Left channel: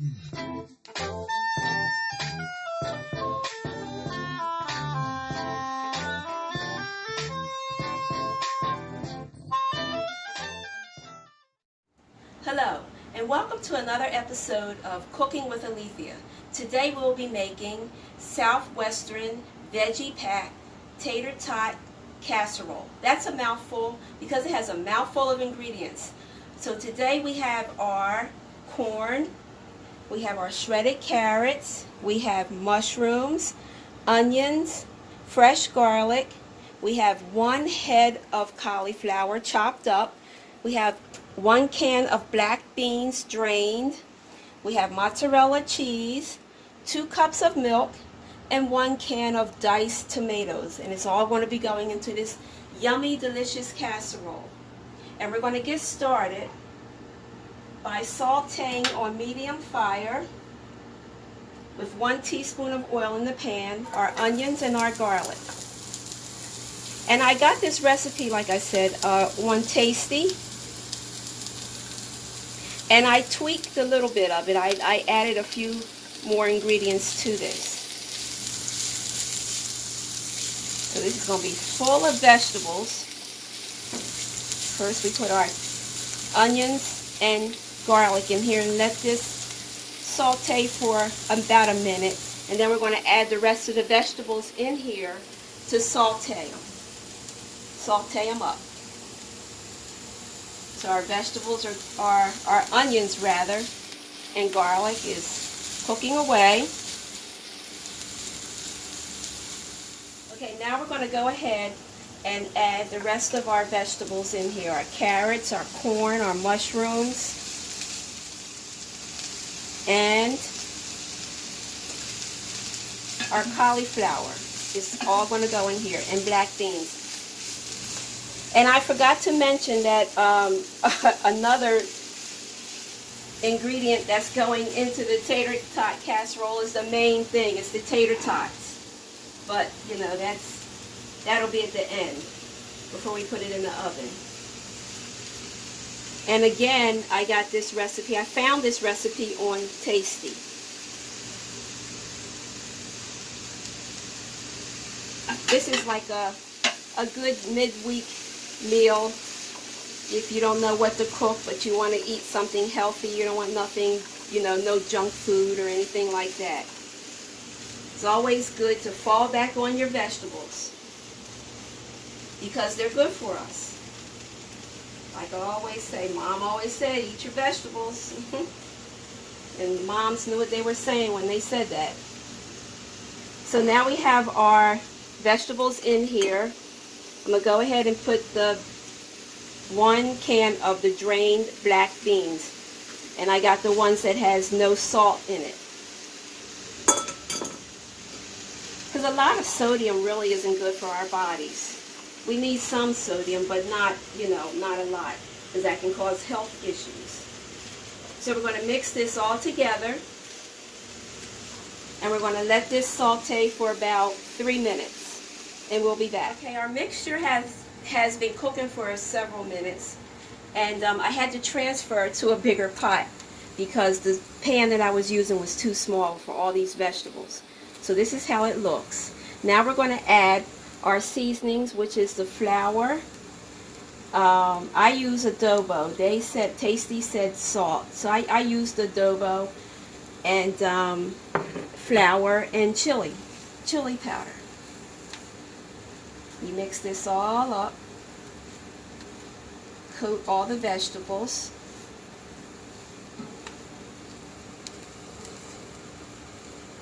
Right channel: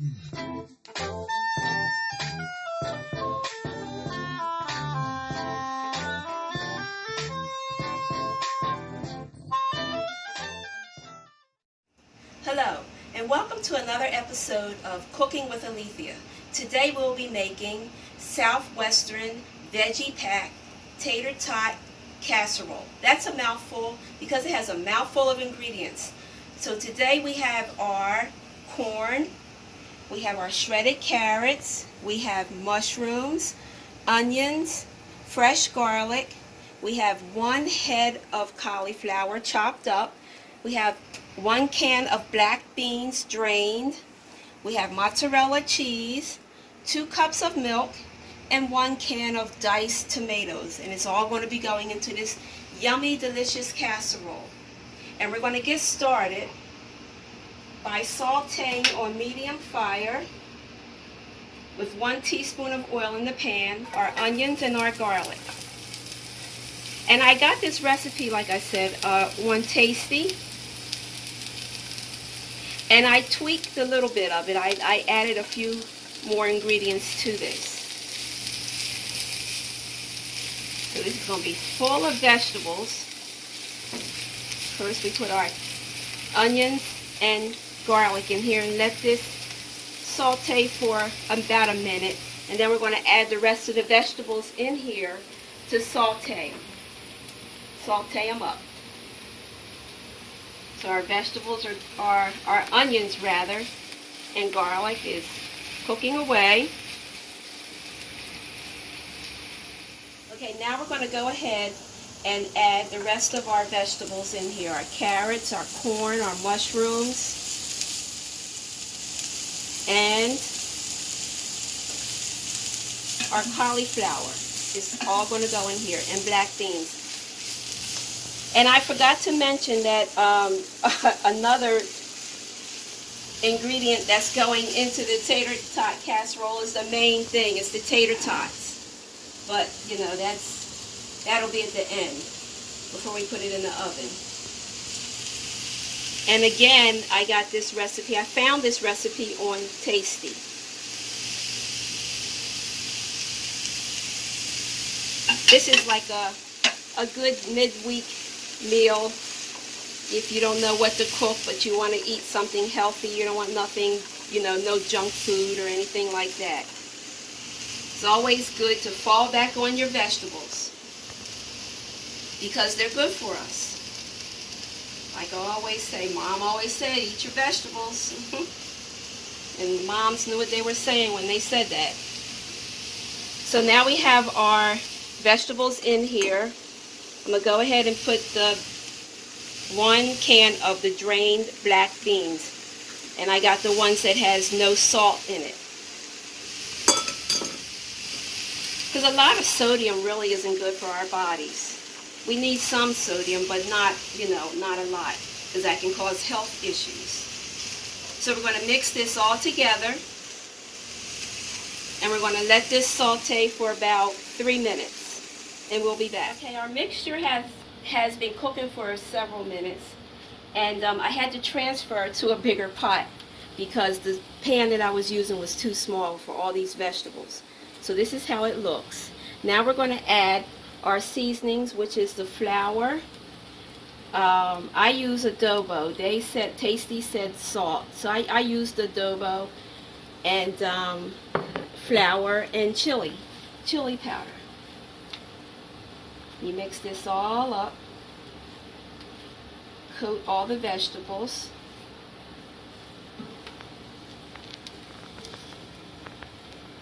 Hello, and welcome to another episode of Cooking with Alethea. Today we'll be making Southwestern Veggie-Packed Tater Tot Casserole. That's a mouthful because it has a mouthful of ingredients. So today we have our corn, we have our shredded carrots, we have mushrooms, onions, fresh garlic, we have 1 head of cauliflower chopped up, we have 1 can of black beans drained, we have mozzarella cheese, 2 cups of milk, and 1 can of diced tomatoes. And it's all going to be going into this yummy, delicious casserole. And we're going to get started by sauteing on medium fire with 1 teaspoon of oil in the pan, our onions and our garlic. And I got this recipe, like I said, on Tasty. And I tweaked a little bit of it. I added a few more ingredients to this. So this is going to be full of vegetables. First we put our onions and garlic in here and let this saute for about a minute. And then we're going to add the rest of the vegetables in here to saute them. Saute them up. So our vegetables our onions rather, and garlic is cooking away. Okay, now we're going to go ahead and add the rest of our vegetables in here. Our carrots, our corn, our mushrooms, and our cauliflower is all going to go in here, and black beans. And I forgot to mention that another ingredient that's going into the tater tot casserole is the main thing. It's the tater tots. But, you know, that'll be at the end before we put it in the oven. And again, I got this recipe. I found this recipe on Tasty. This is like a good midweek meal if you don't know what to cook, but you want to eat something healthy. You don't want nothing, you know, no junk food or anything like that. It's always good to fall back on your vegetables because they're good for us. Like I always say, Mom always said, eat your vegetables. And moms knew what they were saying when they said that. So now we have our vegetables in here. I'm going to go ahead and put the 1 can of the drained black beans. And I got the ones that has no salt in it. Because a lot of sodium really isn't good for our bodies. We need some sodium, but not, you know, not a lot. Because that can cause health issues. So we're going to mix this all together. And we're going to let this saute for about 3 minutes. And we'll be back. Okay, our mixture has been cooking for several minutes, and I had to transfer to a bigger pot because the pan that I was using was too small for all these vegetables. So this is how it looks. Now we're going to add our seasonings, which is the flour. I use adobo. Tasty said salt, so I used adobo and flour and chili powder. You mix this all up, coat all the vegetables,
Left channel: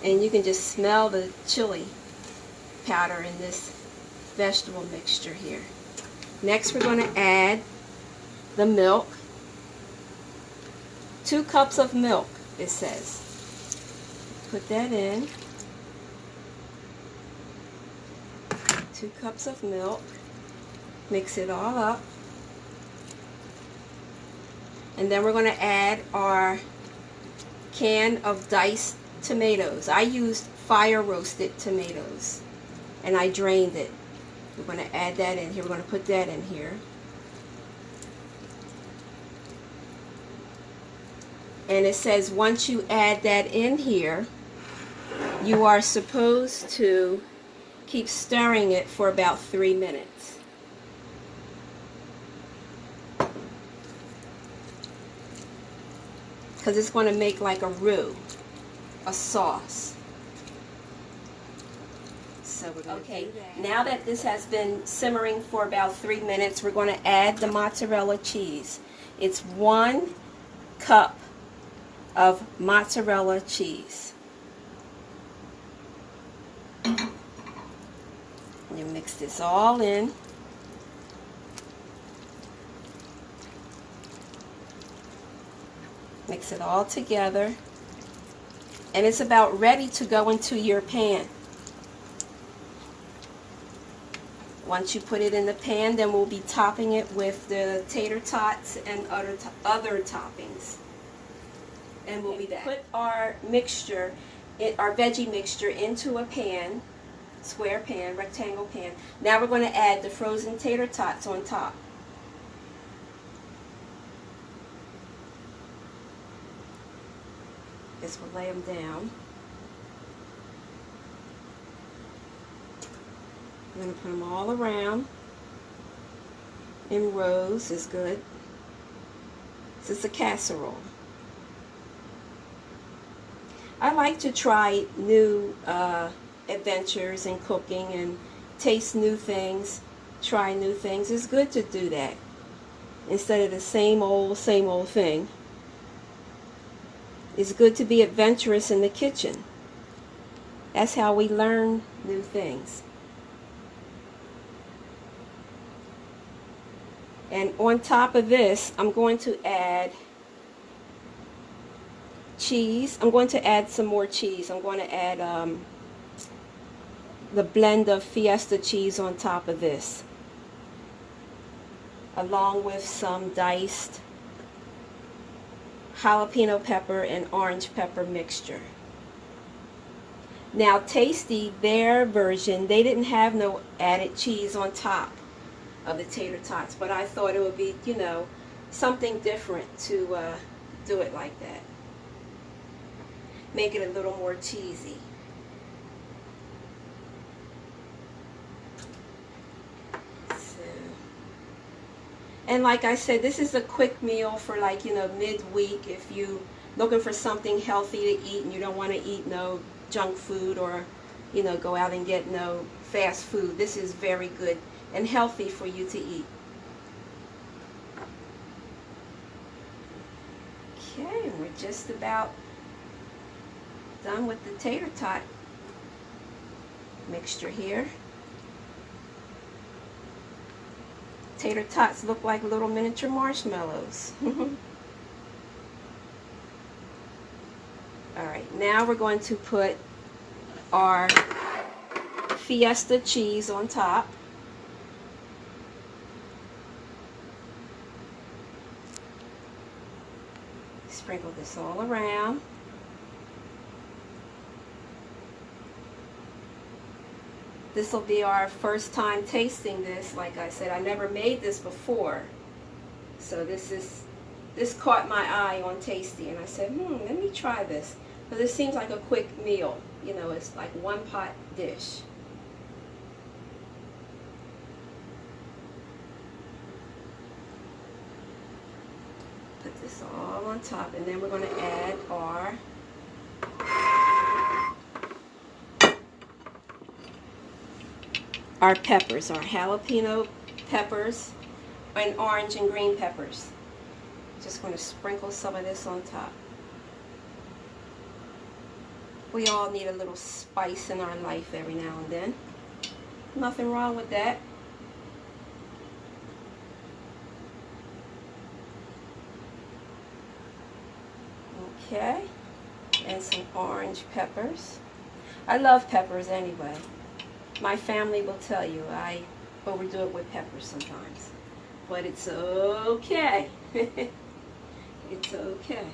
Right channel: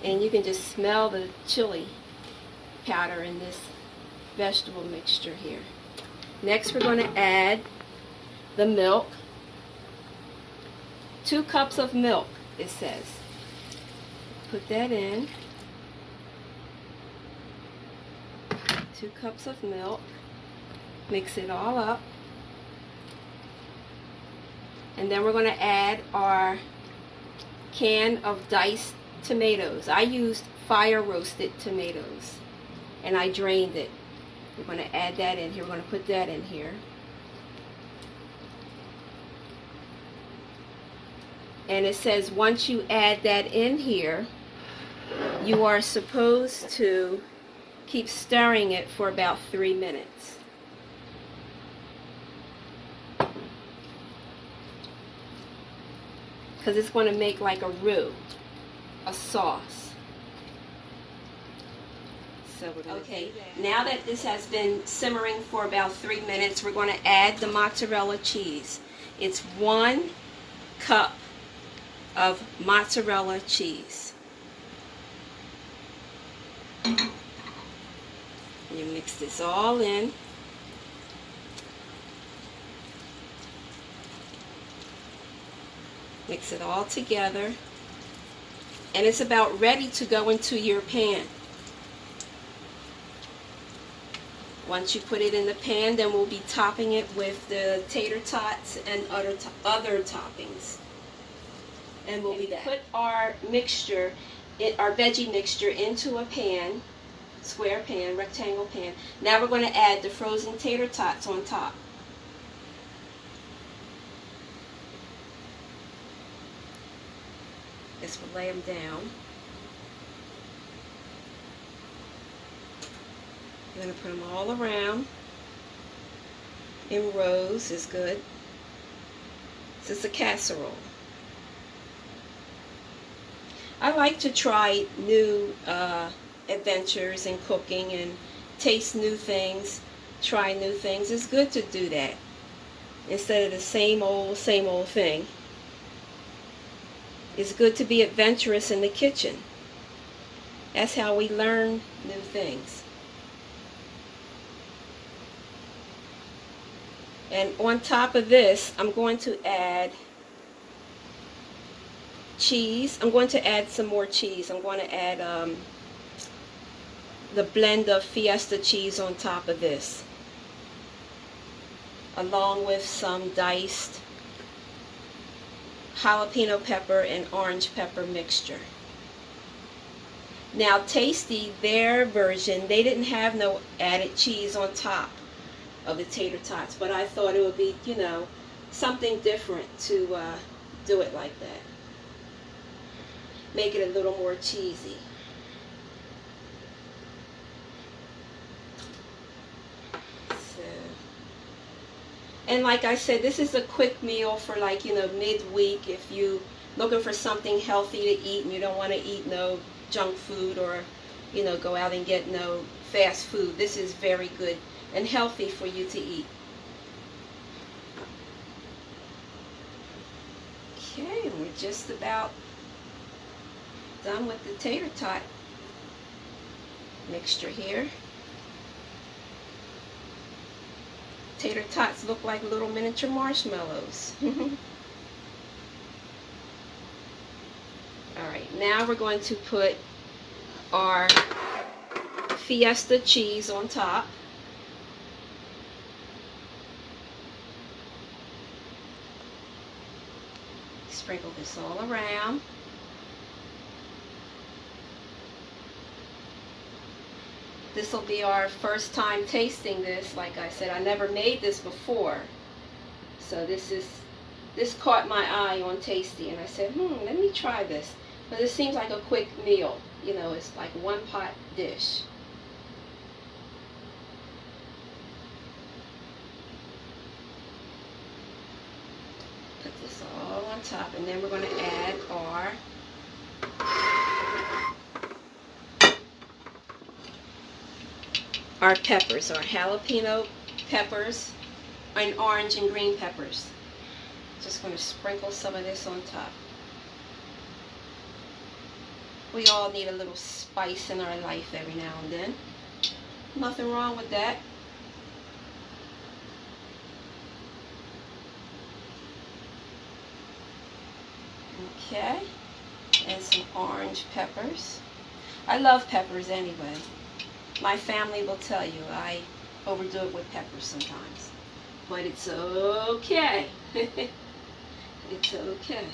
and you can just smell the chili powder in this vegetable mixture here. Next we're going to add the milk, 2 cups of milk it says. Put that in. 2 cups of milk, mix it all up, and then we're going to add our can of diced tomatoes. I used fire roasted tomatoes and I drained it. We're going to add that in here. We're going to put that in here. And it says once you add that in here, you are supposed to keep stirring it for about 3 minutes. Because it's going to make like a roux, a sauce. So we're going okay, now that this has been simmering for about 3 minutes, we're going to add the mozzarella cheese. It's 1 cup of mozzarella cheese. You mix this all in. Mix it all together. And it's about ready to go into your pan. Once you put it in the pan, then we'll be topping it with the tater tots and other toppings. And we'll be back. Put our mixture, our veggie mixture, into a pan, square pan, rectangle pan. Now we're going to add the frozen tater tots on top. Just we'll lay them down. I'm going to put them all around in rows. Is good. This is a casserole. I like to try new adventures in cooking and taste new things, try new things. It's good to do that instead of the same old thing. It's good to be adventurous in the kitchen. That's how we learn new things. And on top of this, I'm going to add cheese. I'm going to add some more cheese. I'm going to add the blend of Fiesta cheese on top of this, along with some diced jalapeno pepper and orange pepper mixture. Now Tasty, their version, they didn't have no added cheese on top of the tater tots, but I thought it would be, you know, something different to do it like that. Make it a little more cheesy. So, and like I said, this is a quick meal for, like, you know, midweek if you looking for something healthy to eat and you don't want to eat no junk food or, you know, go out and get no fast food. This is very good and healthy for you to eat. Okay, we're just about done with the tater tot mixture here. Tater tots look like little miniature marshmallows. Alright, now we're going to put our Fiesta cheese on top. Sprinkle this all around. This will be our first time tasting this. Like I said, I never made this before. So this caught my eye on Tasty, and I said, let me try this. But this seems like a quick meal. You know, it's like one pot dish. Put this all on top, and then we're going to add our peppers, our jalapeno peppers, and orange and green peppers. Just going to sprinkle some of this on top. We all need a little spice in our life every now and then. Nothing wrong with that. Okay, and some orange peppers. I love peppers anyway. My family will tell you I overdo it with peppers sometimes, but it's okay. It's okay.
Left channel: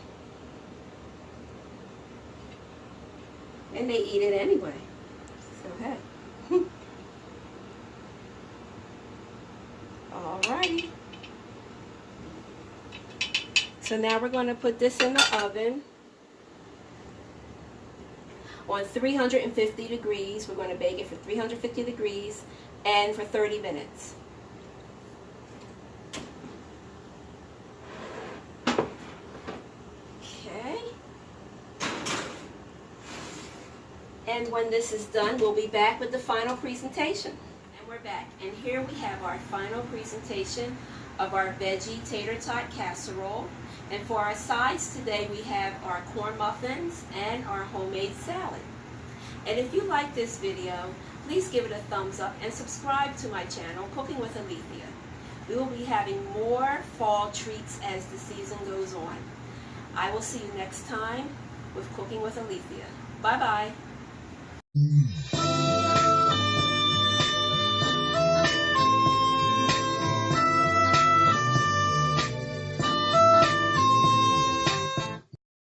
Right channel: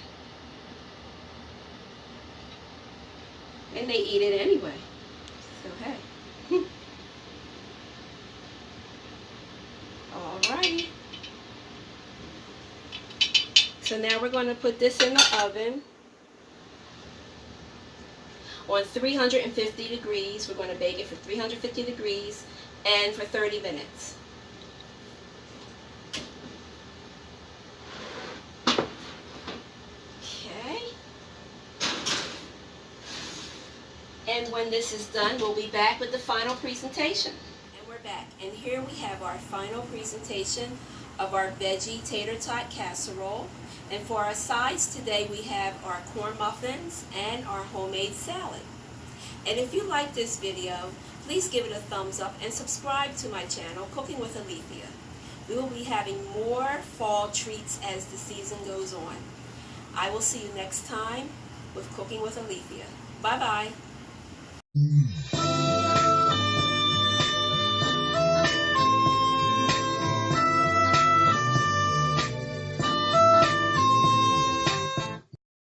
And they eat it anyway, so hey. Alrighty. So So now we're going to put this in the oven on 350 degrees. We're going to bake it for 350 degrees and for 30 minutes. Okay. And when this is done, we'll be back with the final presentation. And we're back. And here we have our final presentation of our veggie tater tot casserole. And for our sides today, we have our corn muffins and our homemade salad. And if you like this video, please give it a thumbs up and subscribe to my channel, Cooking with Alethea. We will be having more fall treats as the season goes on. I will see you next time with Cooking with Alethea. Bye-bye.